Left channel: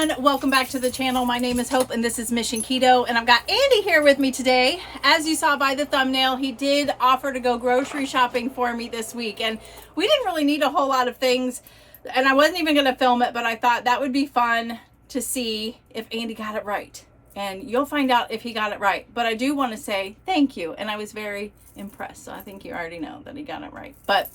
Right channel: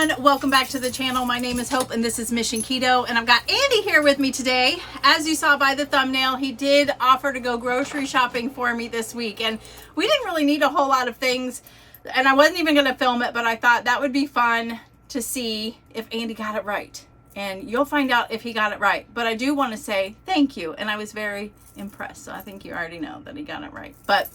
everyone, welcome back to the channel. My name is Hope and this is Mission Keto, and I've got Andy here with me today. As you saw by the thumbnail, he did offer to go grocery shopping for me this week, and we didn't really need a whole lot of things, and I wasn't even going to film it, but I thought that would be fun to see if Andy got it right, and you'll find out if he got it right. But I do want to say thank you, and I was very impressed, so I think you already know that he got it right. But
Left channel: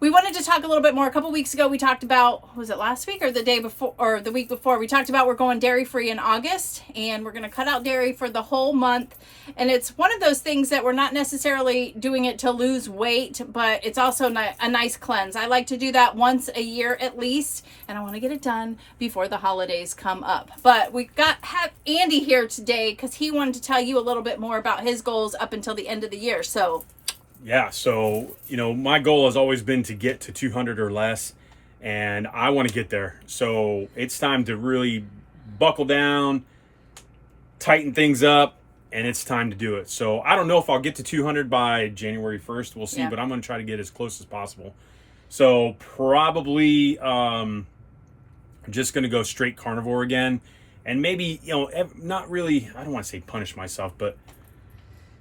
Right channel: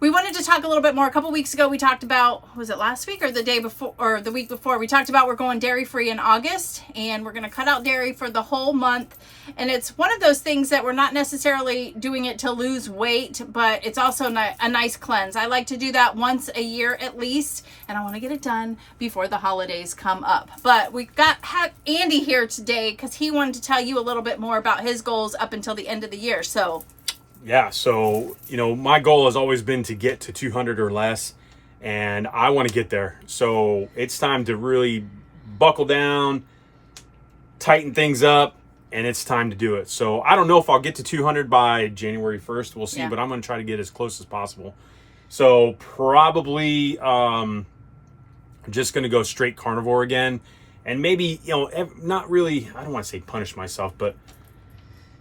we wanted to talk a little bit more. A couple weeks ago, we talked about, was it last week or the day before, or the week before? We talked about we're going dairy-free in August, and we're going to cut out dairy for the whole month. And it's one of those things that we're not necessarily doing it to lose weight, but it's also a nice cleanse. I like to do that once a year at least, and I want to get it done before the holidays come up. But we have Andy here today because he wanted to tell you a little bit more about his goals up until the end of the year. So yeah, so, my goal has always been to get to 200 or less, and I want to get there. So it's time to really buckle down, tighten things up, and it's time to do it. So I don't know if I'll get to 200 by January 1st. We'll see, but I'm going to try to get as close as possible. So probably just going to go straight carnivore again, and maybe, not really, I don't want to say punish myself, but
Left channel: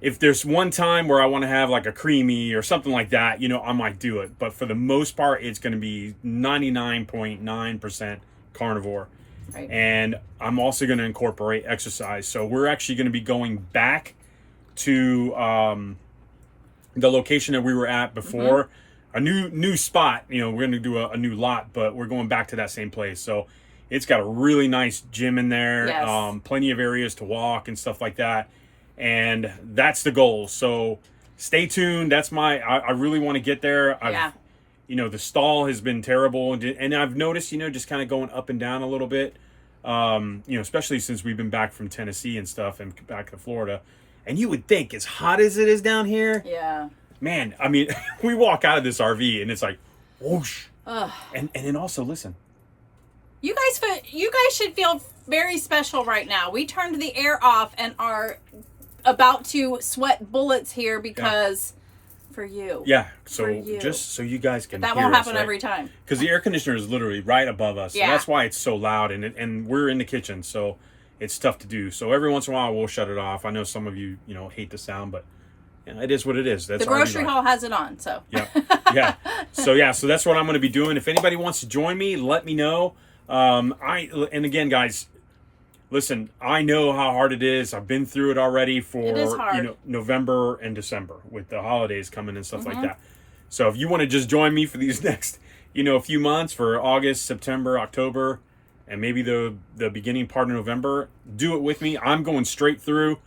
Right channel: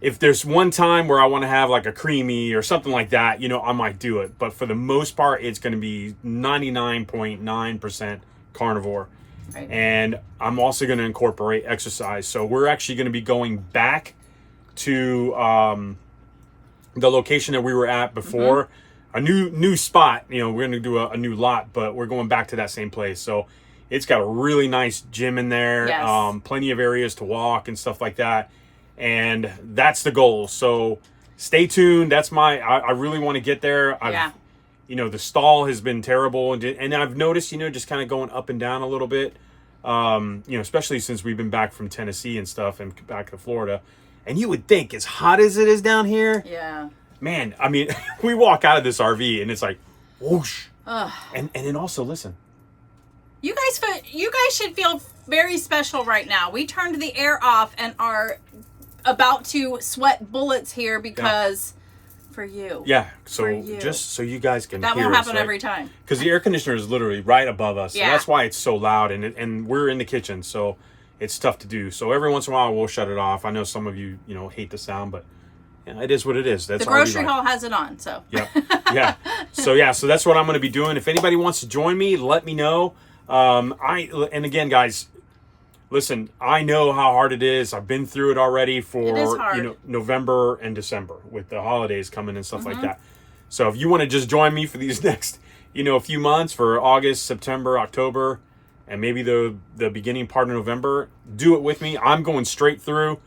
if there's one time where I want to have like a creamy or something like that, I might do it. But for the most part, it's going to be 99.9% carnivore. Right. And I'm also going to incorporate exercise. So we're actually going to be going back to the location that we were at before. A new spot. We're going to do a new lot, but we're going back to that same place. So it's got a really nice gym in there. Yes. Plenty of areas to walk and stuff like that. And that's the goal. So stay tuned. I really want to get there. The stall has been terrible, and I've noticed, just kind of going up and down a little bit, especially since we've been back from Tennessee and stuff and back to Florida. And you would think, as hot as it is down here, man, I mean, we walk out of this RV and it's like, whoosh. And then also, listen, you guys should feel very special right now. We turned the air off and are about to sweat bullets here because for you. Yeah. So just so you guys can that hear won't us, happen right? every time. Because the air conditioner is literally right above us. Yeah. So that's why it's so loud, and we're in the kitchen, so it's tough to do. So every once in a while we'll shut it off. I know some of you, hate the sound, but it is what it is. That's the grocery haul has it on, so. Yeah. So that's what I'm going to be doing. If anybody wants to join me, let me know. And again, guys, listen, I know how hard it is. I've been through it already for November and December with the holidays coming and stuff like that. So if you want to just join me for these next, few months, for August, September, October, and maybe the beginning part of November, do it with me. I'm going straight through.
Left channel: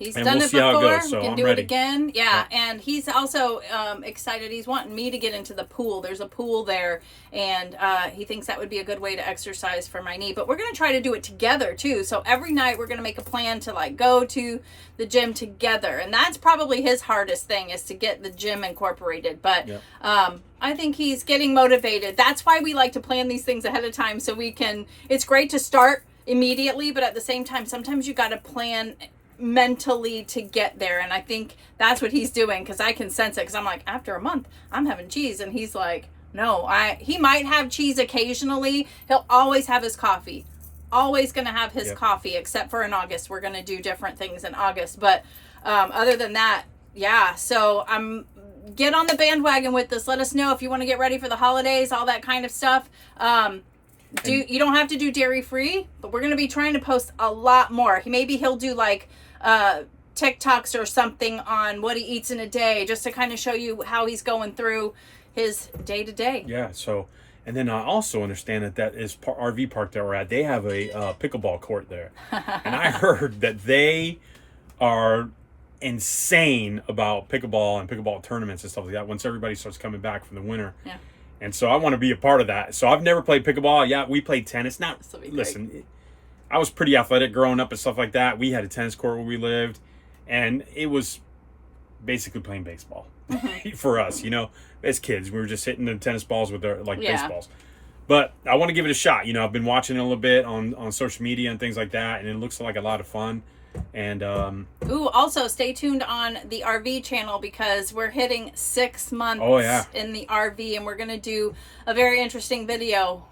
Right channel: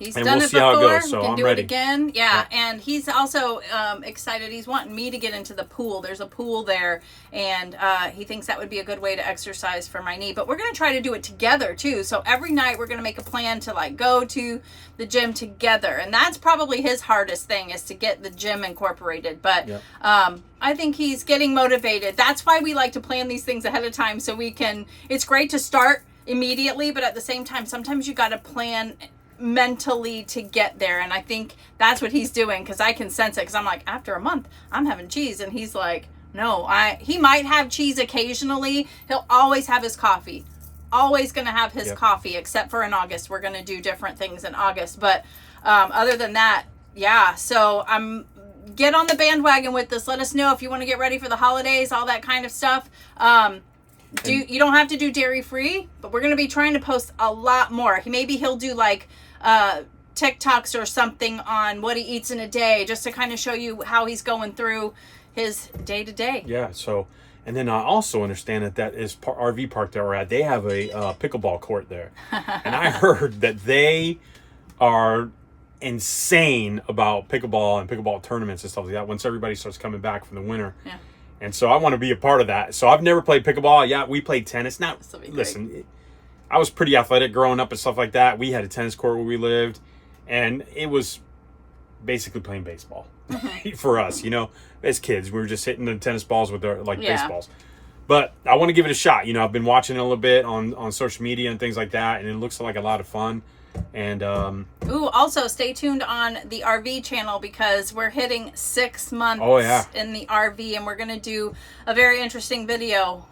He's done it before. So can I'm do ready. It again. Yeah. And he's also excited. He's wanting me to get into the pool. There's a pool there, and he thinks that would be a good way to exercise for my knee. But we're going to try to do it together too. So every night we're going to make a plan to go to the gym together, and that's probably his hardest thing, is to get the gym incorporated. But I think he's getting motivated. That's why we like to plan these things ahead of time, so we can. It's great to start immediately, but at the same time, sometimes you got to plan mentally to get there, and I think that's what he's doing, because I can sense it, because I'm like, after a month I'm having cheese, and he's like, no, he might have cheese occasionally. He'll always have his coffee, always gonna have his coffee, except for in August. We're gonna do different things in August, but other than that, so get on the bandwagon with this. Let us know if you want to get ready for the holidays, all that kind of stuff. You don't have to do dairy free, but we're going to be trying to post a lot more. Maybe he'll do TikToks or something on what he eats in a day, just to kind of show you how he's going through his day to day. Yeah. So, and then I also understand that is RV park that we're at. They have a pickleball court there, and I heard that they are insane about pickleball and pickleball tournaments and stuff like that once everybody starts coming back from the winter. Yeah. And so I want to be a part of that. So I've never played pickleball. Yeah, we played tennis. Now, listen, I was pretty athletic growing up and stuff like that. We had a tennis court where we lived, and it was basically playing baseball for us. As kids, we were just hitting the tennis balls with our baseballs. But I want to give it a shot. I've been watching it a little bit on social media and things like that, and it looks like a lot of fun. And Ooh, also stay tuned on the RV channel because we're hitting 6 months Oh, yeah. in the RV, and we're going to do a very interesting video.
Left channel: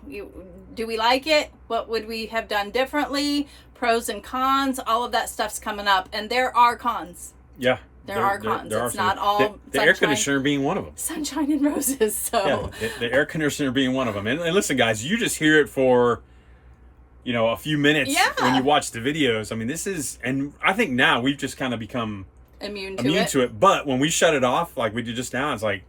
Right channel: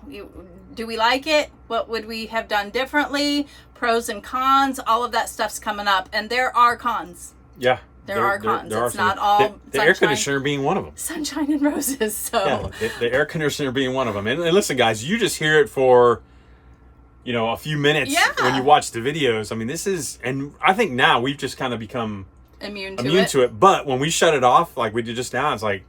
Do we like it? What would we have done differently? Pros and cons, all of that stuff's coming up. And there are cons. yeah, There are cons. there are It's some. not all the air conditioner being one of them. sunshine and roses. So Yeah, the air conditioner being one of them. And listen, guys, you just hear it for, you know, a few minutes Yeah. when you watch the videos. I mean, this is, and I think now we've just kind of become immune to it. But when we shut it off, like we did just now, it's like,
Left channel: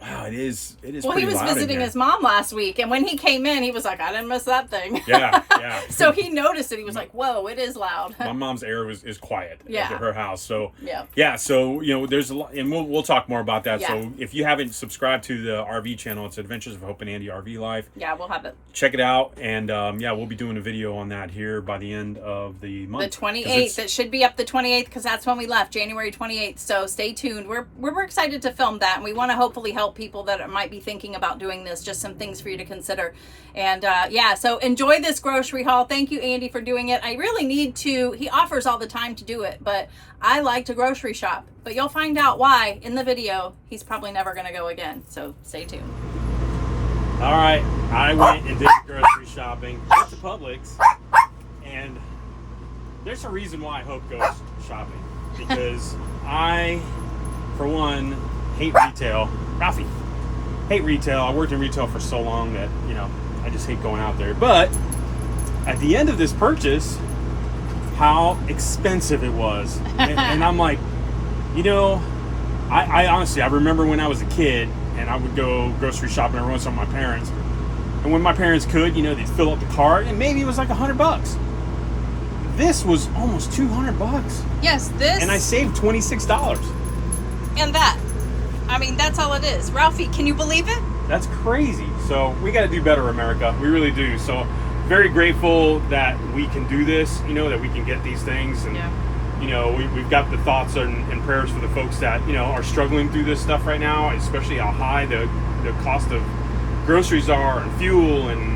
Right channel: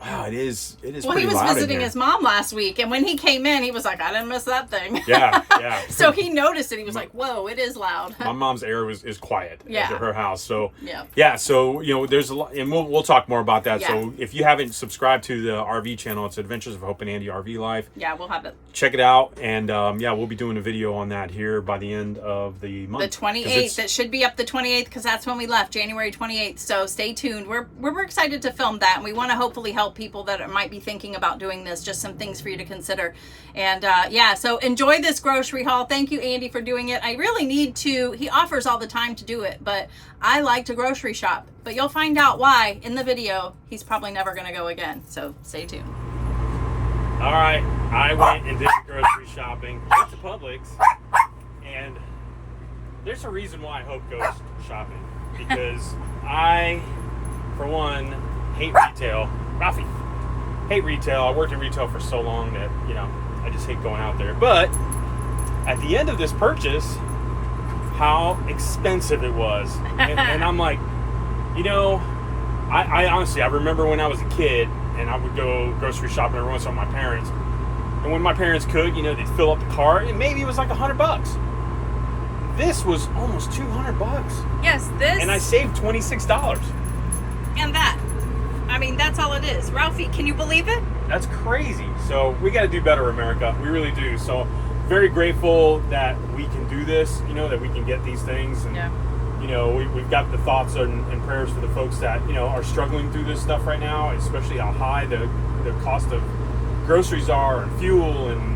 wow, it is. Well, pretty he was loud in visiting here. his mom last week, and when he came in, he was like, I didn't miss that thing. Yeah, yeah. So he noticed it. He was like, whoa, it is loud. My mom's air is quiet Yeah. at her house. So Yeah. yeah, so you know, there's a lot, and we'll talk more about that. Yeah. So if you haven't subscribed to the RV channel, it's Adventures of Hope and Andy RV Life. Yeah, we'll have it. Check it out, and yeah, we'll be doing a video on that here by the end of the month. The 28th. It should be up the 28th because that's when we left, January 28th. So stay tuned. We're excited to film that, and we want to hopefully help people that might be thinking about doing this. Just some things for you to consider. And yeah, so enjoy this grocery haul. Thank you, Andy, for doing it. I really need to. He offers all the time to do it, but I like to grocery shop. But you'll find out why in the video. He's probably never going to go again. So stay tuned. All right, I went and did grocery shopping at the Publix, and there's a reason why Hope goes shopping, because I, for one, hate retail. Ralphie, hate retail. I worked in retail for so long that, you know, I just hate going out there. But at the end of this purchase, how expensive it was, and I'm like, you know, I honestly, I remember when I was a kid and I would go grocery shopping every once in a while with my parents. And when my parents could, you know, they'd fill up the cart and maybe it was like $100. This was almost $200. Yes, this And I saved $26. and that. I mean, that's all it is. Ralphie, can you believe it? That's crazy. So we got to do better, America. We really do. So very grateful that we can do this, you know, that we can get these things. And, Yeah. you know, we've got the thoughts and prayers for the folks that, you know, are struggling through this stuff right now, especially how high the cost of groceries are and fuel and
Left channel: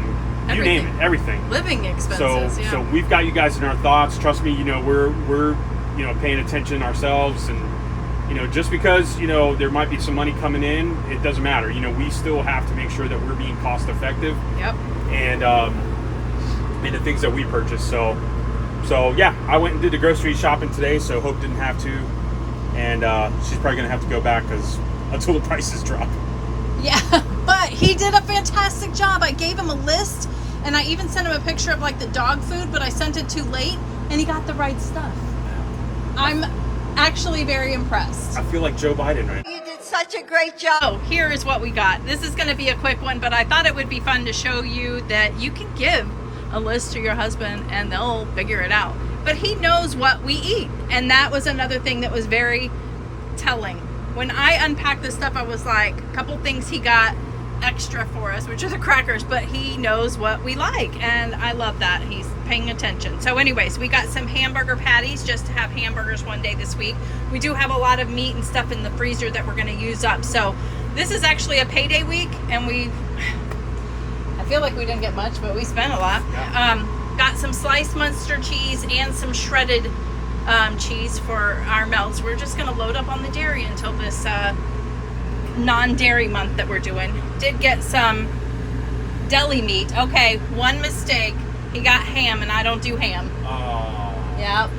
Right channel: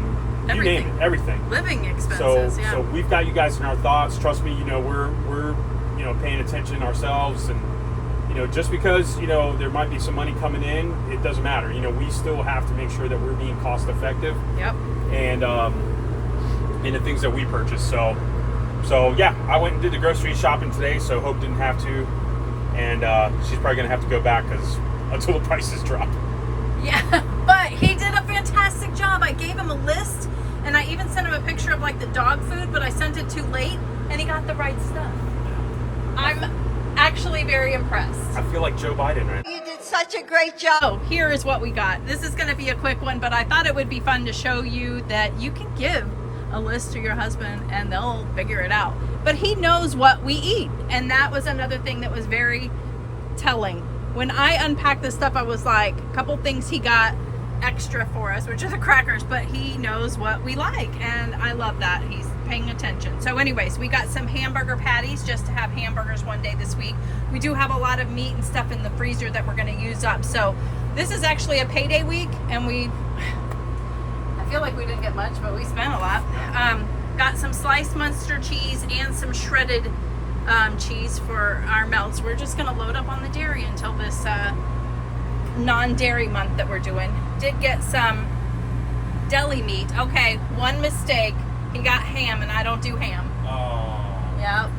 you name it, everything. Living expenses, So yeah. so we've got you guys in our thoughts. Trust me, you know, we're you know, paying attention ourselves, and you know, just because, you know, there might be some money coming in, it doesn't matter. You know, we still have to make sure that we're being cost effective Yep. and the things that we purchase. So yeah, I went and did the grocery shopping today, so Hope didn't have to, and she's probably gonna have to go back until the prices drop. Yeah, but he did a fantastic job. I gave him a list, and I even sent him a picture of like the dog food, but I sent it too late, and he got the right stuff. I'm actually very impressed. I feel like Joe Biden right now. You did such a great job. So here is what we got. This is going to be a quick one, but I thought it would be fun to show you that you can give a list to your husband and they'll figure it out. But he knows what we eat, and that was another thing that was very telling. When I unpacked this stuff, I was like, a couple things he got extra for us, which are the crackers, but he knows what we like, and I love that he's paying attention. So anyways, we got some hamburger patties just to have hamburgers one day this week. We do have a lot of meat and stuff in the freezer that we're going to use up. So this is actually a payday week, and I feel like we didn't get much, but we spent a lot. Got some sliced Munster cheese and some shredded cheese for our melts. We're just going to load up on the dairy until this non-dairy month that we're doing. Did get some deli meat. Okay, one mistake. He got ham, and I don't do ham. Oh. Yep.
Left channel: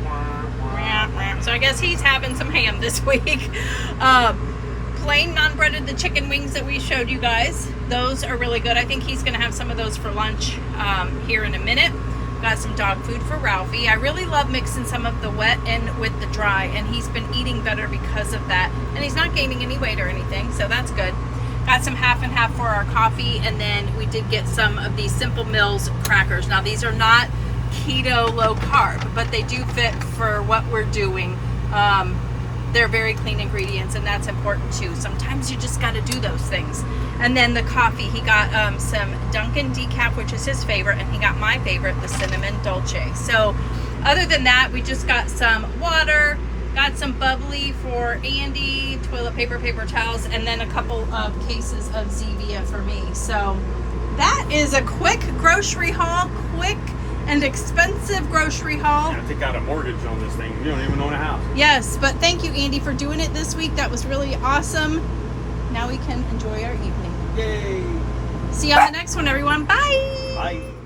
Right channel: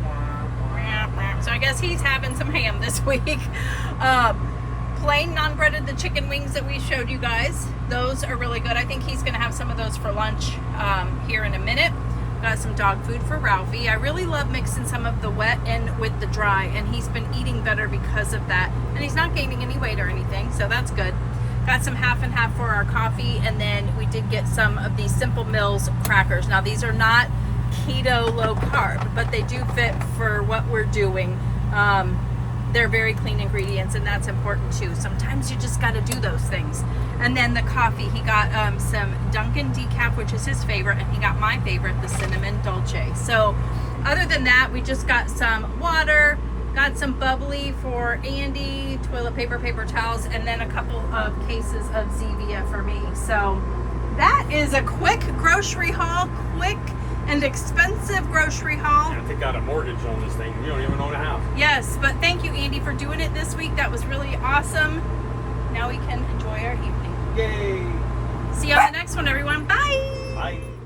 So I guess he's having some ham this week. Plain non-breaded, the chicken wings that we showed you guys. Those are really good. I think he's going to have some of those for lunch here in a minute. Got some dog food for Ralphie. I really love mixing some of the wet in with the dry, and he's been eating better because of that. And he's not gaining any weight or anything, so that's good. Got some half and half for our coffee, and then we did get some of these Simple Mills crackers. Now these are not keto low carb, but they do fit for what we're doing. They're very clean ingredients, and that's important too. Sometimes you just got to do those things. And then the coffee, he got some Dunkin' decaf, which is his favorite, and he got my favorite, the cinnamon dolce. So other than that, we just got some water, Got some bubbly for Andy, toilet paper, paper towels, and then a couple of cases of Zevia for me. So that is a quick grocery haul, quick and expensive grocery haul. I take out a mortgage on this thing. You don't even own a house. Yes, but thank you, Andy, for doing it this week. That was really awesome. Now we can enjoy our evening. Yay! See you on the next one, everyone. Bye! Bye.